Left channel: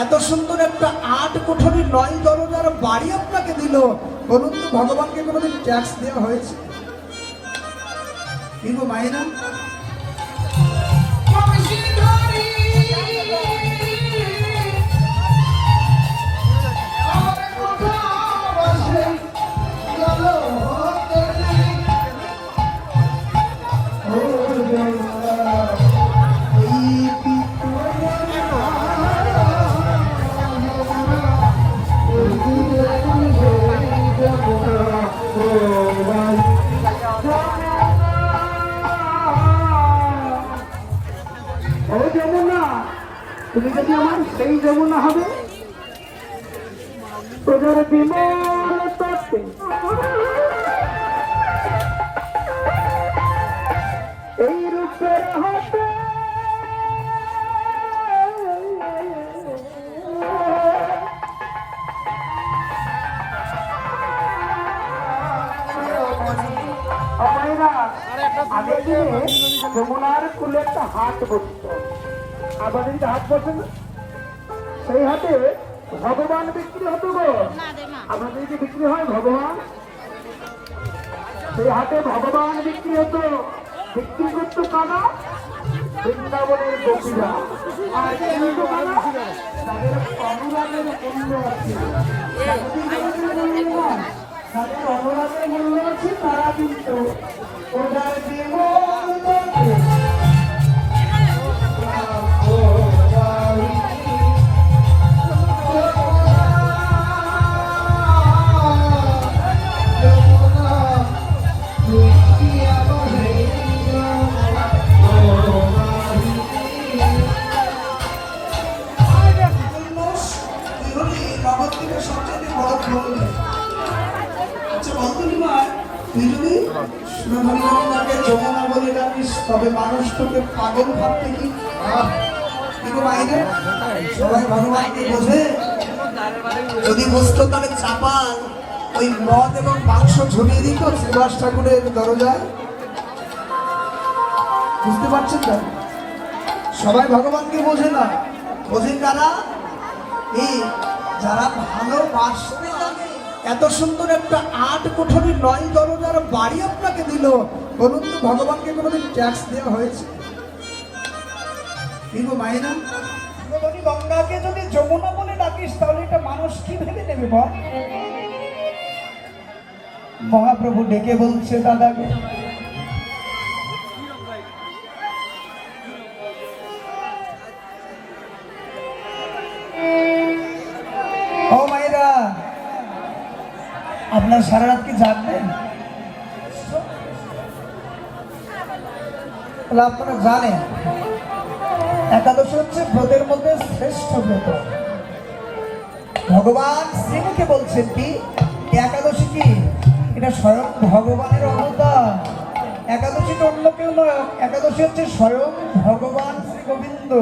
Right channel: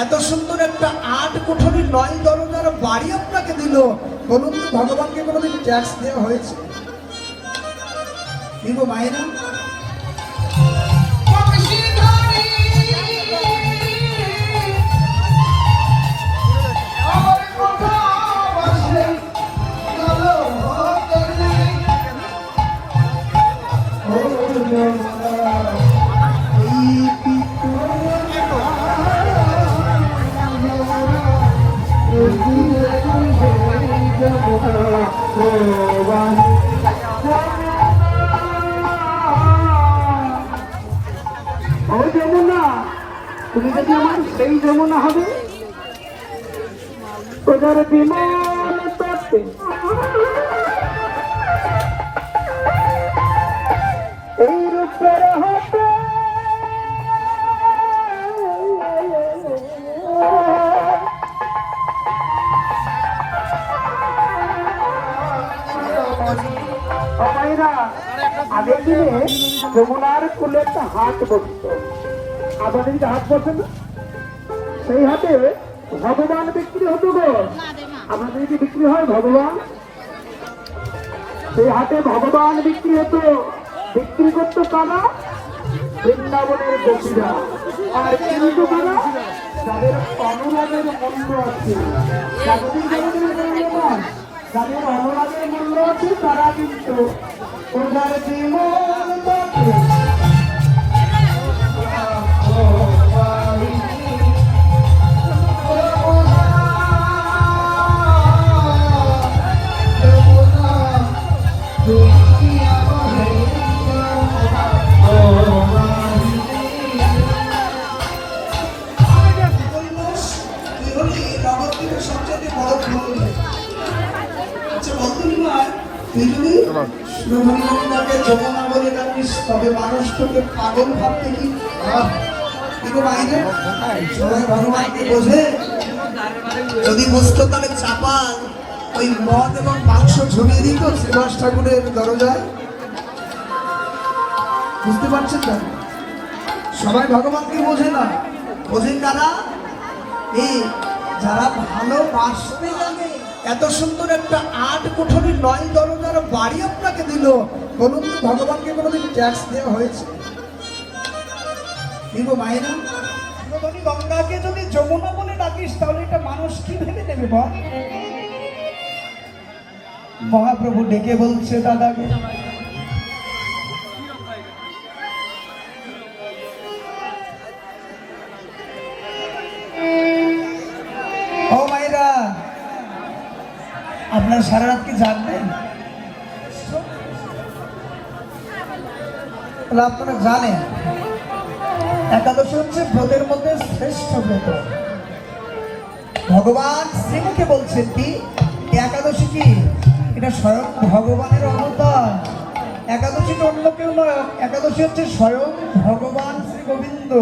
এত সুন্দর একটা ৮ কোঠরি ৯ দরজার বাড়ি আপনাকে দিল, বলুন তো ভগবানকে কোনোদিন ট্যাক্স দেওয়া হয়েছে? কিন্তু মাইনা তুমি যদি আমার সেই যমুনা হবে প্রজার বিমল তত্ত্বে এই রূপের হাতে আগের দিনে যমুনার কুলে একটা হাট বসত, আপনাদের যে হাট বসে না, সেই হাটে ভগবান বিক্রি হতো গো। আপনাদের যদি বিক্রি হয় ভগবান, সেই হাটে ভগবান বিক্রি হতো। বিক্রি করতো কারা? বৃন্দাবনের গোপীরা। আর কিন্তু কারা? যাদের অনুরাগের মূল্য আছে, যাদের অনুরাগের মূল্য আছে তারা কিন্তু ওদের যমুনা বলে জানিস, তবে মানুষ তোকে পাগল ভাবতে কি? সবাই ভগবানকে বোঝে? যদি বুঝতো তাহলে চাপান ওই মদ এবং মাংস ঝুলিয়ে দিত শ্রীবাস ঠাকুরের দরজায়। বুঝতে পারছেন তো? সবাই ভগবানকে বোঝে না, বোঝে কারা? এই যারা ভালোবাসতে জানে। এত সুন্দর একটা ৮ কোঠরি ৯ দরজার বাড়ি আপনাকে দিল, বলুন তো ভগবানকে কোনোদিন ট্যাক্স দেওয়া হয়েছে? কিন্তু মাইনা যদি গঙ্গাকে যদি যমুনা বলে ডাকিস তাহলে এটা মানুষ কি ভেবে নেবে বল? মহাপ্রভু ডেকে বলছে দাদাকে, ও মাইরা, আপনার সারা রাত কি জানবেন? আপনারা জানেন একাদশী হচ্ছে ব্রতের মধ্যে শ্রেষ্ঠ ব্রত। ভগবান শ্রীমুখে বলছেন কি একাদশী কি? এটা স্বয়ং ভগবানের অবতার। একাদশী অন্য কেউ নয়, একাদশী হচ্ছে স্বয়ং ভগবান শ্রী গোবিন্দ।